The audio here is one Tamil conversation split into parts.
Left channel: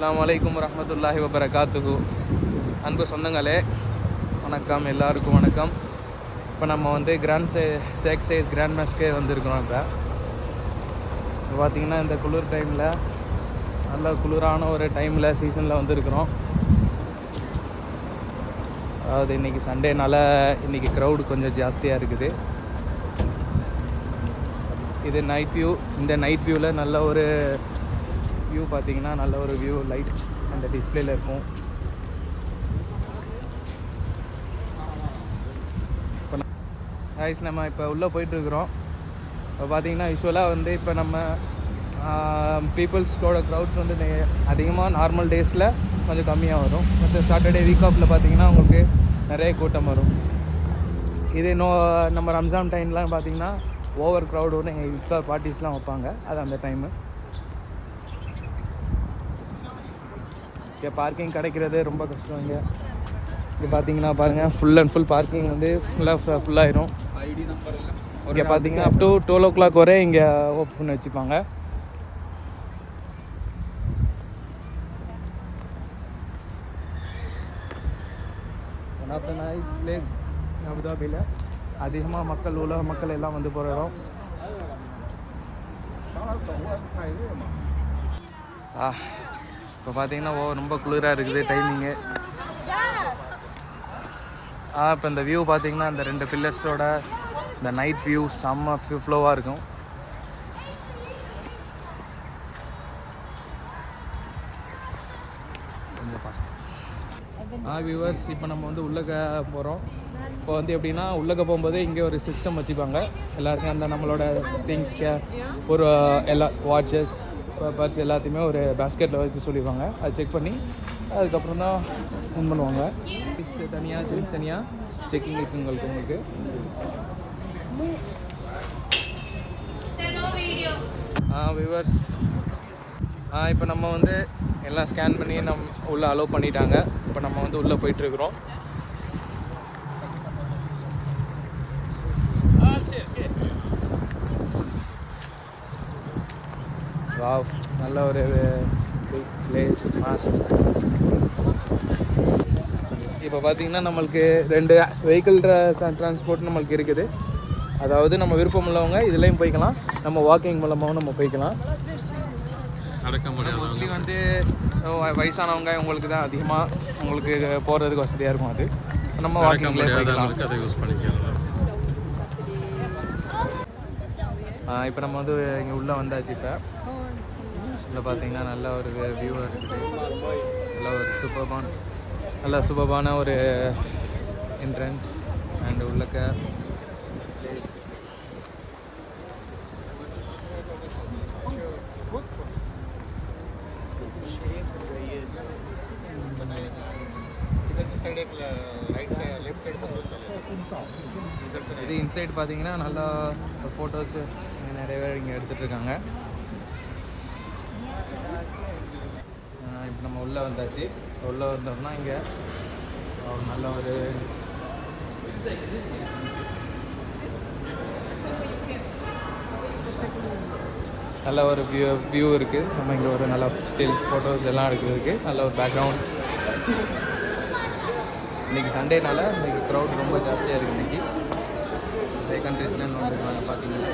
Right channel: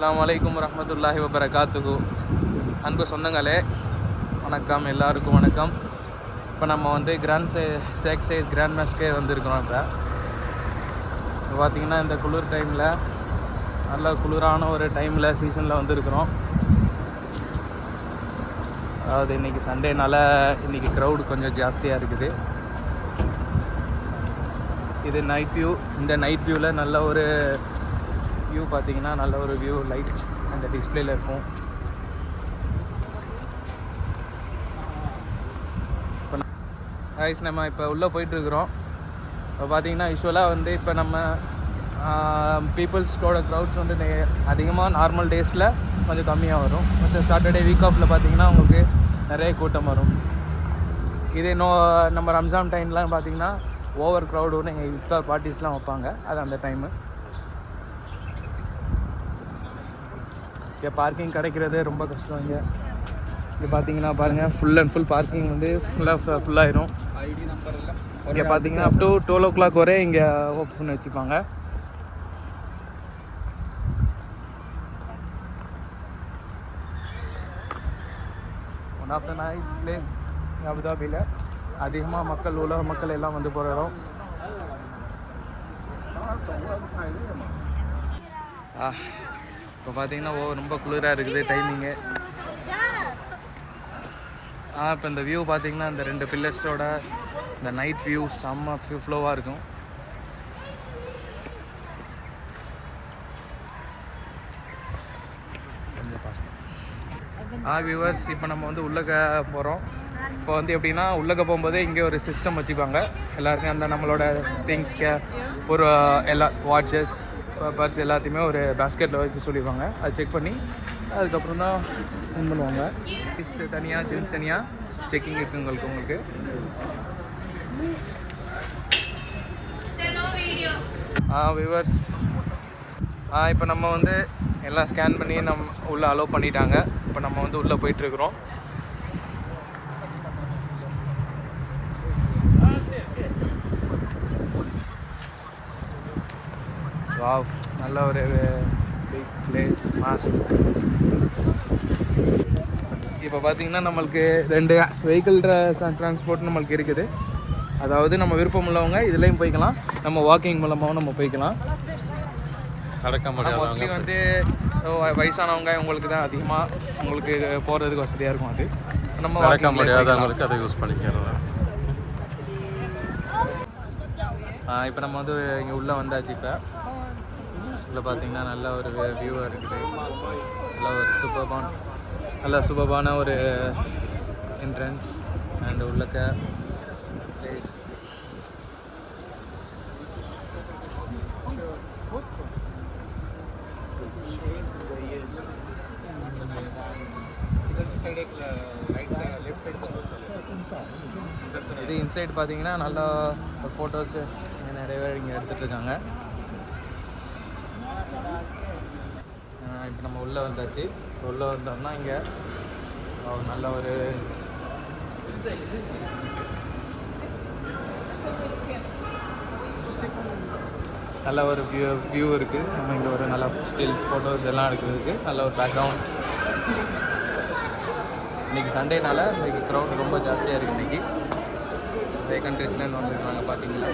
அஸ்ஸலாமு அலைக்கும் வரஹ்மத்துல்லாஹி வபரகாத்துஹு. அன்பு சொந்தங்களே வணக்கம், எல்லாருக்கும் வணக்கம். இப்போ நம்ம வந்து ஷேக் சையத் கிராண்ட் மாஸ்கே வந்திருக்கிறோம். இப்போ பார்த்திங்கன்னா இந்த குளிர் டைமில், நல்ல குளிரான ஒரு டைமில், சீசனில் வந்திருக்கிறோம். அதாவது இன்றைக்கி சண்டேனால இன்றைக்கி க்ரௌடு கொஞ்சம் ஜாஸ்தியாக இருக்குது. இது நைட் வியூ. இந்த நைட் வியூவில் நல்ல ஒரு வியூ பார்த்தீங்கன்னா, நல்ல ஒரு வியூ லைட் அந்த டிஸ்பிளேல இருக்கும். நம்ம இப்போ உள்ளே போயிட்டுருக்குறோம். இப்போ பார்த்தீங்கன்னா யூஸ்வலாக வந்து இப்போ நம்ம பீப்புள்ஸோட க்ரௌட்ஸ் வந்து அதிகமாக நார்மல் டேஸில் கொஞ்சம் கம்மியாக வரும். மற்ற சாட்டர்டே வீக் ஆஃபில் பார்த்தீங்கன்னா உங்களுக்கு நிறைய கூட்டம் வரும். இதே நம்ம ரம்ஜான் டைம்லாம் பார்த்தீங்கன்னா ஓவர் க்ரௌடோடு எங்கள் இஃப்தார் பார்ட்டிஸ்லாம் வைப்பாங்க. அது அந்த டைமு. இங்கே பார்க்கிங் கிடைக்கிறது ரொம்ப கஷ்டம். இங்கே பார்த்தீங்கன்னா பாருங்கள், ஃபுல் அண்ட் ஃபுல் பார்க்கிங் வந்து ஃபுல்லாகிடும். ஐடி நம்பர் எல்லாம் இங்கே பார்த்தீங்கன்னா அப் டு 12 o'clock வரை இங்கே ஓப்பன் பண்ணி வச்சுப்பாங்க. One of the nice place அபுதாபியில். அதிகமாக உலக மக்கள் எல்லாம் வந்து போகிற இடம். இப்போ பார்த்தீங்கன்னா ரொம்ப குளிராக இருக்குது டைமிங்கு. இப்போ இந்த வியூ பார்த்தீங்கன்னா இந்த 2 பில்லர்ஸோட இந்த நைட் வியூ செம்ம ஃப்ளோவாக இருக்கும். கொஞ்சம் பார்க்கலாம் வியூவர்ஸ். இப்போ நம்ம வந்து உள்ளக்க போகிறோம். இப்போ வந்து எப்படின்னா, உள்ளக்க போகும்போதே இங்கே ஒரு சிஸ்டம் வச்சுப்பாங்க. எல்லாருக்கும் அந்த நம்மளோட திங்ஸ்க்கு ஒரு எல்லா வாட்சஸ், பர்ஸ் எல்லாத்தையுமே ஒரு பேஸ்கெட்டில் வைக்க சொல்லிடுவாங்க. அதை செக் பண்ணி அதுக்கப்புறம் தான் சென்ட் பண்ணுவாங்க. தனியாக ஜென்ஸ் தனியாக செக்கிங் இருக்குது உங்களுக்கு. வியூவர்ஸ், இப்போ நம்ம வந்து எல்லாம் ஸ்கேன் பண்ணி நம்ம உள்ளே அலோவ் பண்ணிட்டாங்க. இப்போ நம்ம வந்து உள்ளே போயிட்டுருக்குறோம். நல்ல ஒரு பிளேஸ். இப்போ பார்த்தீங்கன்னா நம்மளுக்கு 2 வெஹிக்கிள் டிரான்ஸ்போர்ட் நம்மளுக்கு இருக்குது. அதாவது நம்ம விருப்பம் உள்ளவங்க இதுலேயும் போய்க்கலாம், நம்ம வாக்கிங் மூலமாகவும் நம்ம போய்க்கலாம். மோஸ்ட்லி வந்து வயசானவங்க உங்களுக்கு தான் அதிகமாக உங்களுக்கு போகிறதுக்கு வசதியாக இருக்கும். அது நம்ம நடக்க முடியாதவங்களுக்கு அதை யூஸ் பண்ணிக்கலாம். இப்போ நம்ம வந்து இங்கே உள்ளே வந்தாச்சு. இப்போ இதில் பார்த்தீங்கன்னா நல்ல ஒரு வியூவாக இருக்குது. நல்ல சூப்பர்பான ஒரு என்ட்ரன்ஸ் அண்ட் உள்ளக்க பிளேஸ். இது இன்சைட் பார்த்தீங்கன்னா நல்லா ஃபோட்டோஸ் நிறைய பேர் இங்கே எடுத்துகிட்டு இருக்காங்க. இப்போ நம்ம உள்ளே வந்தாச்சு. உள்ளே வந்தோம்னா இங்கே நல்ல ஒரு வியூ இருக்குது. இங்கே ஒரு நல்ல ஸ்டில்ஸ் ஃபோட்டோஸ் எல்லாம் எடுக்கிறதுக்கு நல்ல ஒரு பேக்ரவுண்ட்ஸ். இன்றைக்கி சண்டேனால இன்றைக்கி க்ரௌட் ரொம்ப ஜாஸ்தியாக இருக்குது. இன்றைக்கி நிறைய கண்ட்ரீஸ்லேருந்து வந்துருக்காங்க. பார்த்தீங்கன்னா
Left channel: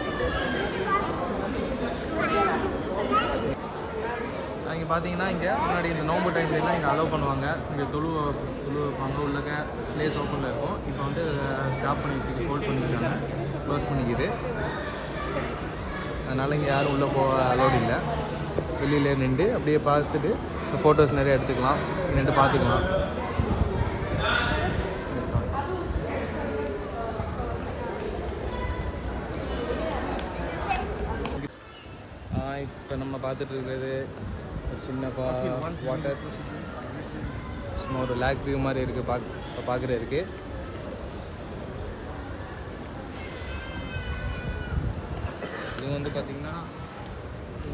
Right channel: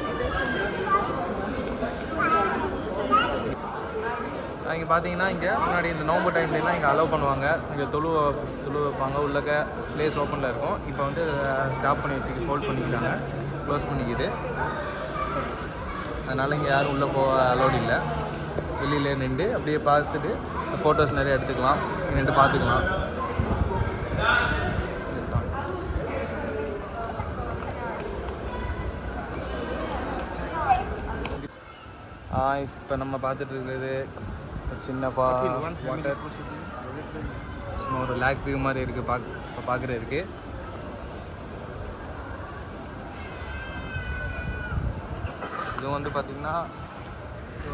இங்கே பார்த்தீங்கன்னா இங்கே முன்னாடி இந்த நோம்பு டைம்லாம் இங்கே அலோவ் பண்ணுவாங்க. இங்கே தொழு வைப்பாங்க. உள்ளக்க பிளேஸ் ஓப்பனில் இருக்கும். இப்போ வந்து ஸ்டாப் பண்ணி வச்சுட்டு ஹோல்ட் பண்ணிக்கிறாங்க, க்ளோஸ் பண்ணிக்குது. அதனால் இங்கே யாரும் உள்ளே போக அலோடு இல்லை. வெளியிலே நின்று அப்படியே பார்த்துட்டு ஃபோட்டோஸ் நிறைய எடுத்துக்கலாம், நின்று பார்த்துக்கலாம். இப்போ நம்ம பார்த்துட்டு இருக்குது சின்னப்பா ஒரு லேக் வியூ மாதிரி இருக்குது. பார்க்குறதுக்கு இது வந்து பார்த்திங்கன்னா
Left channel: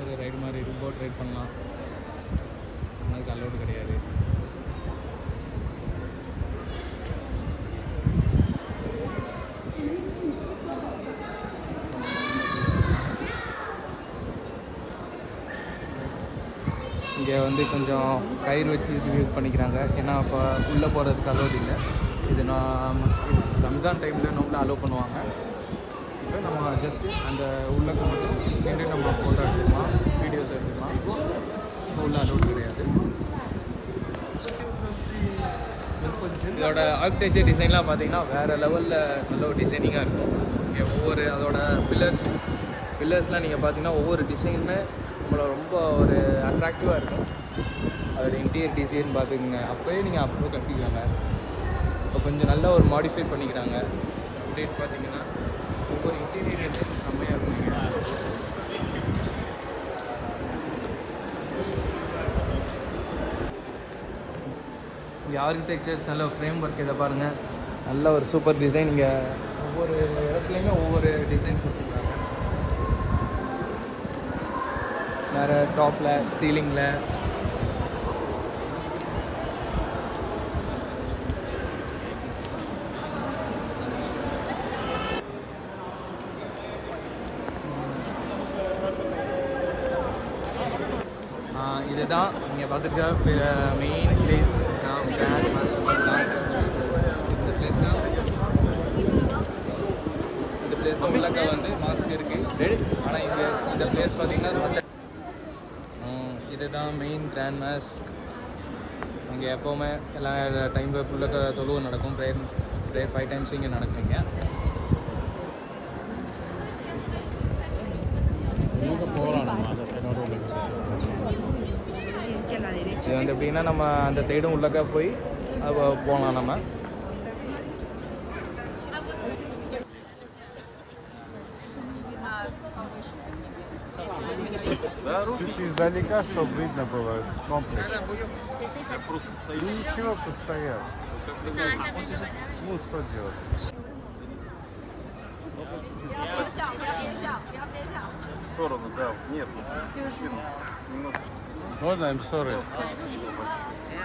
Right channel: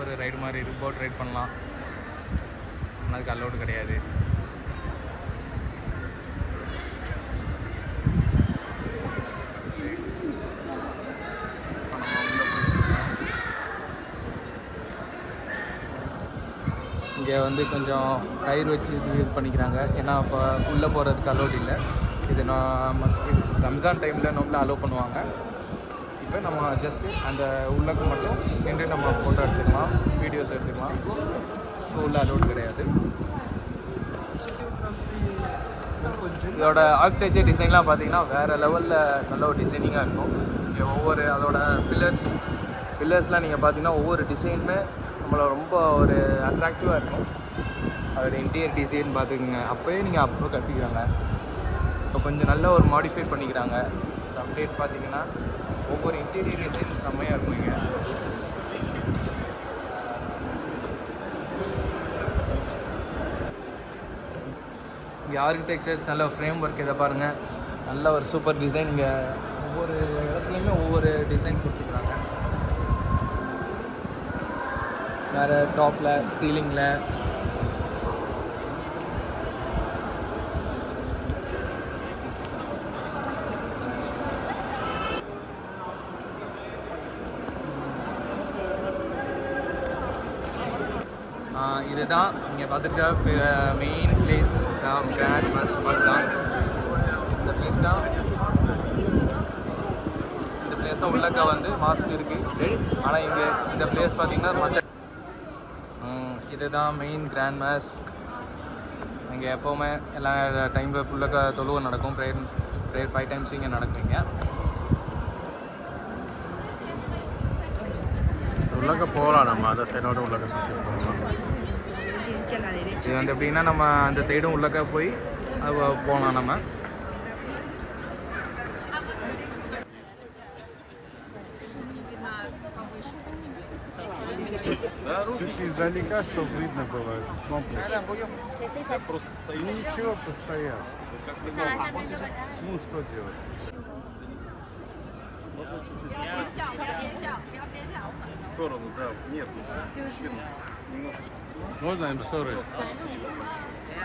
ஒரு ரைடு மாதிரி இருக்குது. போட் ரைட் பண்ணலாம், அதுக்கு அலோடு கிடையாது. இங்கே வந்து கொஞ்சம் கயிறு வச்சு இது பண்ணிக்கிறாங்க. ஏன்னா இப்போ உள்ளே போகிறதுக்கு அலோட் இல்லை. இது நான் ரம்ஜான் டைமில் நம்மள அலோவ் பண்ணுவாங்க. இப்போ நம்ம ஜஸ்ட்டு அந்த உள்ளக்கு மட்டும் நின்று நம்ம ஃபோட்டோ எடுத்துக்கலாம், வீடியோஸ் எடுத்துக்கலாம். இப்போ உள்ள அலோட் கிடையாது. இதோட ஆர்கிடெக்சர் டிசைன்லாம் பார்த்தீங்கன்னா வேறு லெவலில் நல்ல ஒரு டிசைனிங்காக இருக்கும். இங்கே ஒவ்வொரு அதோட பில்லர்ஸ்லாம் நீங்கள் பார்த்தீங்கன்னா ஒவ்வொரு டிசைனுமே ரொம்ப ஒரு அட்ராக்டிவாக இருக்கும். அதோட இன்டீரியர் டிசைன் பார்த்துக்குங்க, அப்போயே நீங்கள் அப்போ கட்டிக்கலாங்க. இப்போ கொஞ்சம் நல்ல ஒரு மாடிஃபை பண்ணிட்டாங்க. அப்டேட் பார்த்தீங்கன்னா ஒவ்வொரு இன்டீரியர் டிசைன் செம்மையாக இருக்கும். இங்கே ஆர்கிடெக்சர்ஸ் நல்ல ஃப்ரேம் ஒர்க் இதை பாருங்கள், நல்ல ஒரு சூப்பர் டிசைன். இங்கே ஒவ்வொரு இடத்துலையுமே ஒவ்வொரு டிசைன் கொடுத்துருக்காங்க. வேறு டாப்பில் சீலிங்கில் இதுதான் நீங்கள் பார்த்துருக்க மெயின் பிளேஸ் கிராண்ட் மாஸ்டர் தான். இந்த பிளேஸ் தான் உள்ளக்கா வந்து மாஸ்க் இருக்குது. ஆனால் இந்த பிளேஸ் பார்த்தீங்கன்னா இதுதான் மெயின் கிராண்ட் மாஸ்க். நீங்கள் எப்போவுமே எல்லா டைமில் உள்ளக்கா தொழுவம் நடக்கும். ப்ரேயர் 5 times இங்கே நடக்குங்க. உள்ளக்க போகலாம் நம்ம அந்த சைடோட உள்ளக்க. இது வந்து எப்படின்னா நம்ம அந்த சைடும் உள்ளக்கா போய் போகணும் நம்ம. Чуть издалека, чтобы видно было комплекс. Просто стоит. Ничего, постоять. Ну, что делать? В сторону, да. Нет, немножечко. Можно в сторону? Спасибо большое.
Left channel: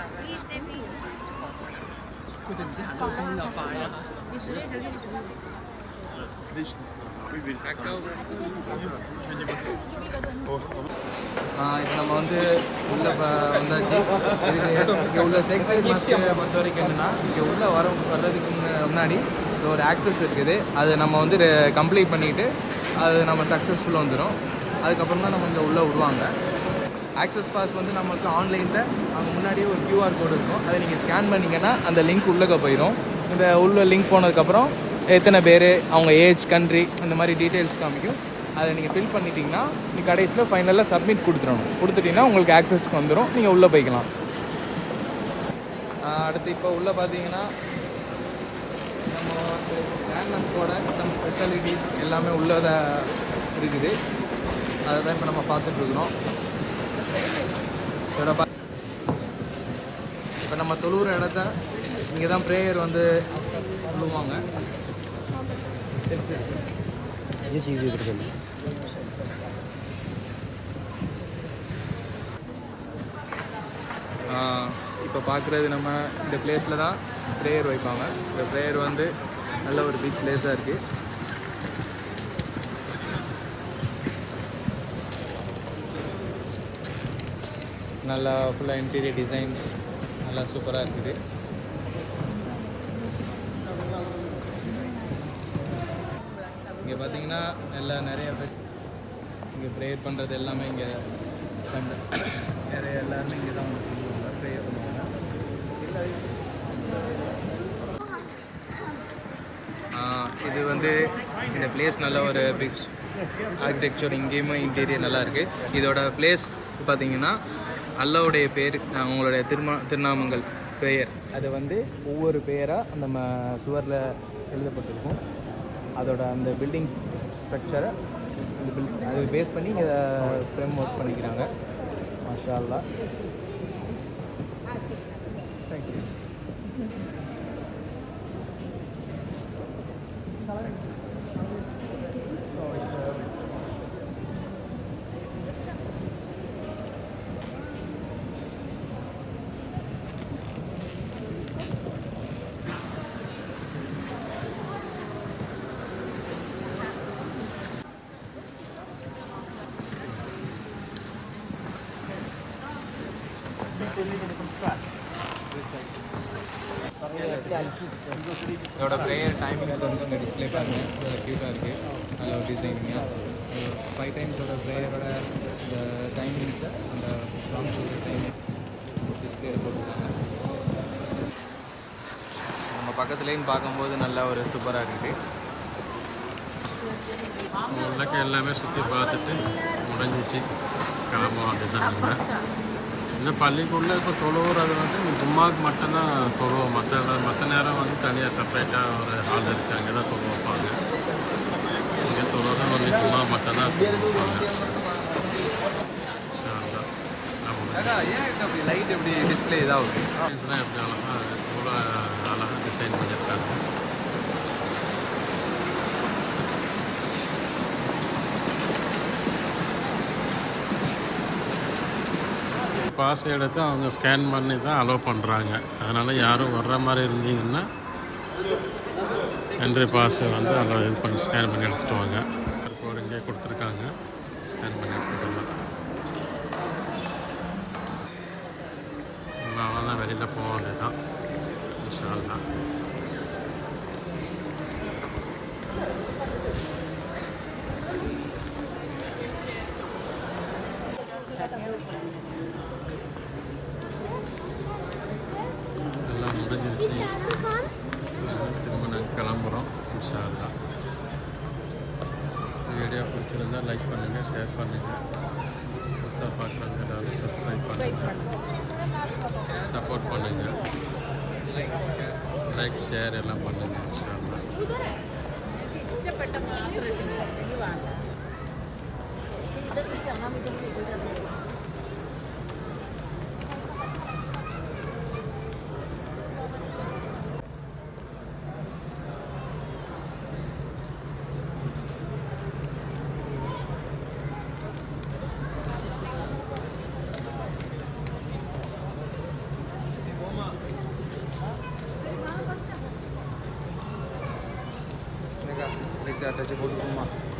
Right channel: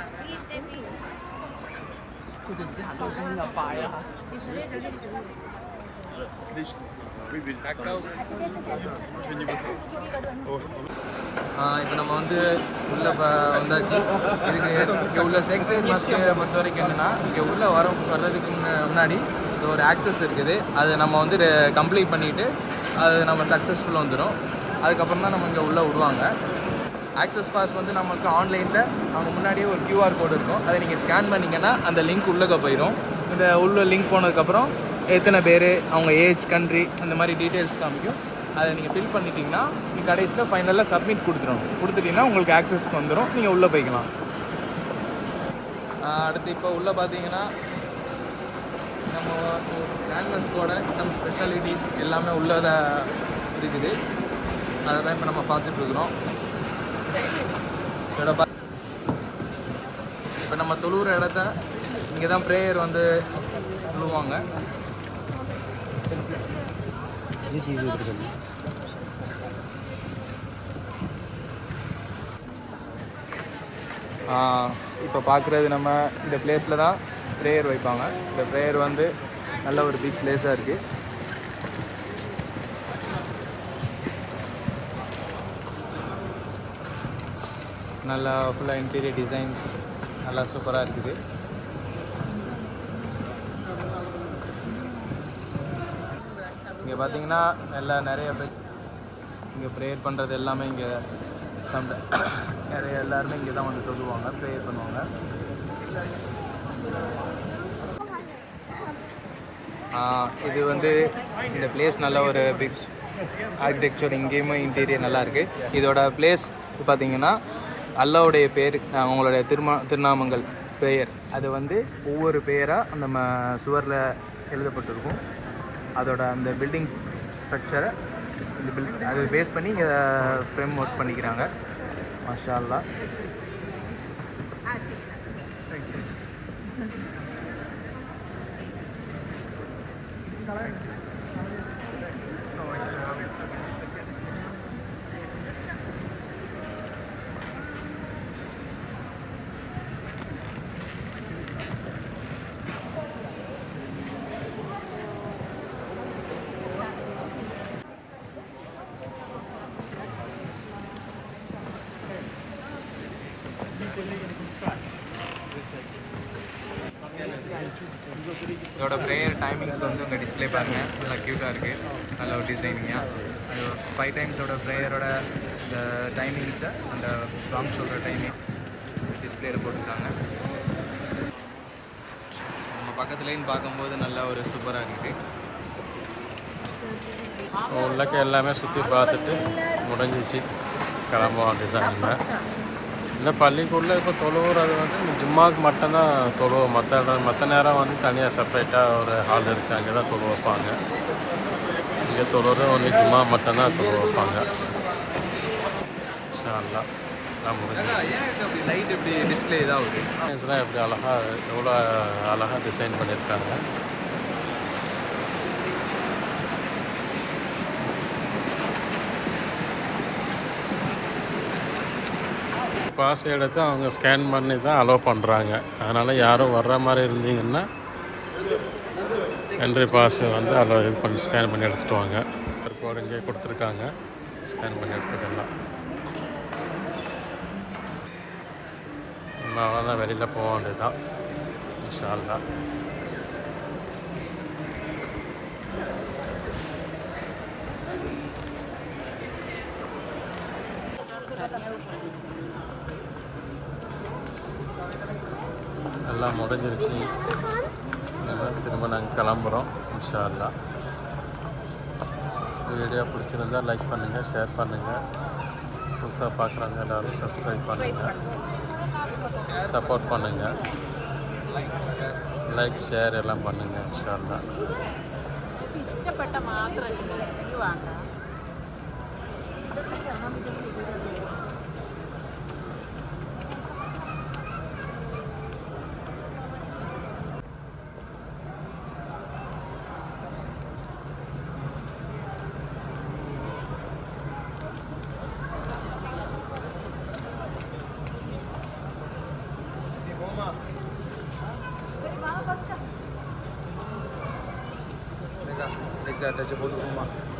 Отлично. Выберите там что-нибудь. இப்போ நம்ம வந்து உள்ளே வந்தாச்சு. இங்கே உள்ள சேக்சைட் மாஸ்க்கை பொறுத்த வரைக்கும் என்னென்னா, இங்கே உள்ளே வர்றதுக்கு முன்னாடி ஒரு ஆக்சஸ் இருக்குது. அது நம்ம வந்து கம்ப்ளீட் பண்ணிவிட்டு அது நம்ம சக்ஸஸ்ஃபுல்லாக வந்துடும். அதுக்கப்புறம் தான் நம்ம இங்கே உள்ளே விடுவாங்க. ஆக்சஸ் பாஸ் வந்து நமக்கு ஆன்லைனில் நம்ம முன்னாடியே ஒரு QR கோடு இருக்கும். அதை நீங்கள் ஸ்கேன் பண்ணிங்கன்னா அந்த லிங்க் உள்ளே போயிடும். இந்த உள்ள லிங்க் போனதுக்கப்புறம் எத்தனை பேர், அவங்க ஏஜ், கண்ட்ரி, இந்த மாதிரி டீட்டெயில்ஸ் காமிக்கும். அதை நீங்கள் ஃபில் பண்ணிட்டீங்கன்னா நீங்கள் கடைசியில் ஃபைனலாக சப்மிட் கொடுத்துட்டிங்கன்னா உங்களுக்கு ஆக்சஸ்க்கு வந்துடும். நீங்கள் உள்ளே போய்க்கலாம். அடுத்து இப்போ உள்ளே பார்த்தீங்கன்னா நம்ம கிராண்ட்மாஸ்கோட சம் ஸ்பெஷாலிட்டிஸ் எல்லாமே உள்ளே இருக்குது. அதை தான் இப்போ நம்ம பார்த்துட்ருக்குறோம். இப்போ நம்ம தொழுகிற இடத்த இங்கே தான் ப்ரேயர் வந்து சொல்லுவாங்க. இப்போ பார்க்குறது நம்ம இந்த பிளேஸில் தான் ப்ரேயர் வைப்பாங்க. இந்த ப்ரேயர் வந்து நல்ல ஒரு பிக் பிளேஸாக இருக்குது. நல்லா ஃபுல்லாக இன்டீரியர் டிசைன்ஸ் நல்லா சூப்பராக இருக்குது. இங்கே பார்த்தீங்கன்னா எல்லாம் நிறைய இங்கே ப்ரேயர் பண்ணுறது எல்லாமே இங்கே எல்லாருமே இங்கே தான் வந்து சொல்லுவாங்க, ப்ரேயர் பண்ணுவாங்க. இது வந்து இந்த பிளேஸ் நல்ல ஒரு பிக் ஆர்கிடெக்சர். இங்கேயுமே இன்டீரியர் நல்லாயிருக்கு. இதோட பிளேஸ் பார்த்தீங்கன்னா அல்லாவுடைய பேர், அவங்களுடைய திருநாமங்கள் பெயர், அது வந்து ஒவ்வொரு பெயராக நம்ம சுவரில் எழுதப்பட்டிருக்கும். அதோட அந்த பில்டிங் ஸ்ட்ரக்சரை அதை பேஸ் பண்ணி இங்கே ஃப்ரேம் ஒர்க் பண்ணிக்கிறாங்க. மாஷா அல்லாஹ். இதோட ப்ரேயர் டைமிங்ஸ் வந்து உங்கள் டிஸ்பிளே பாருங்கள், நல்லா க்யூட்டாக இருக்குது, நல்ல ஒரு டிசைனிங்காக. அது 5 டைம்ஸோட ப்ரேயரோட இந்த டைமிங்ஸை, அந்த சாங் சொல்கிற டைமிங் டிஸ்பிளேயில் போட்டுருக்காங்க. நம்ம பக்கத்துலேயும் பார்க்கும்போது நல்லா ஒரு சூப்பராக இருக்குது. உள்ளக்க எல்லாமே சுற்றி பார்த்துட்டு முடிஞ்சிச்சு, கிளம்ப வேண்டியதான். இல்லை பள்ளிக்குள்ளே இப்போ தொழுவுறது வந்து ஜும்மாவுக்கு மட்டும்தான் தொழுவோம். மற்ற நேரம் வந்து தனியாக செப்பரேட்டாக ஒரு ஹால் இருக்குது, அங்கே தான் தொழு வைப்பாங்க. இங்கே தொழுறது ஒன்று ஜும்மா மட்டும்தான் தொழு வைப்பாங்க. எல்லாம் முடிஞ்சிச்சு. லைட் இப்படி டிஸ்பிளே இதாகுது, இதெல்லாம் எப்படி அழகாக எவ்வளோ அழகாக டிசைன் பண்ணியிருக்காங்க. பாஸ் எடுத்து அவங்க ஸ்கேன் பண்ணி தான் அலோவ் பண்ணுறாங்க. அதனால் யாரும் வர்ற மாதிரி இருந்தீங்கன்னா என்ட்ரி பாஸ் வந்து அலோவ் இது பண்ணி ஸ்கேன் பண்ணி எடுத்துகிட்டு வாங்க. கோடு இங்கே கொடுத்துருக்காங்க, ஸ்கேன் பண்ணி எடுத்துக்கலாம். அவ்வளோதான், வெளியில் போக வேண்டியதுதான். இன்ஷா அல்லாஹ். எல்லாம் முடிஞ்சிருச்சு. திரும்ப நாங்கள் கிளம்புறோம் இன்ஷா அல்லாஹ். வீடியோ பிடிச்சிருந்தா லைக் பண்ணுங்கள், ஷேர் பண்ணுங்கள். புதுசாக பார்க்குறாங்க எல்லோரும் சப்ஸ்கிரைப் பண்ணுங்கள், சப்போர்ட் பண்ணுங்கள். லைக் ஷேர் எல்லாம் பண்ணுங்கள் இன்ஷா அல்லாஹ். Bisa ada sebut rumah.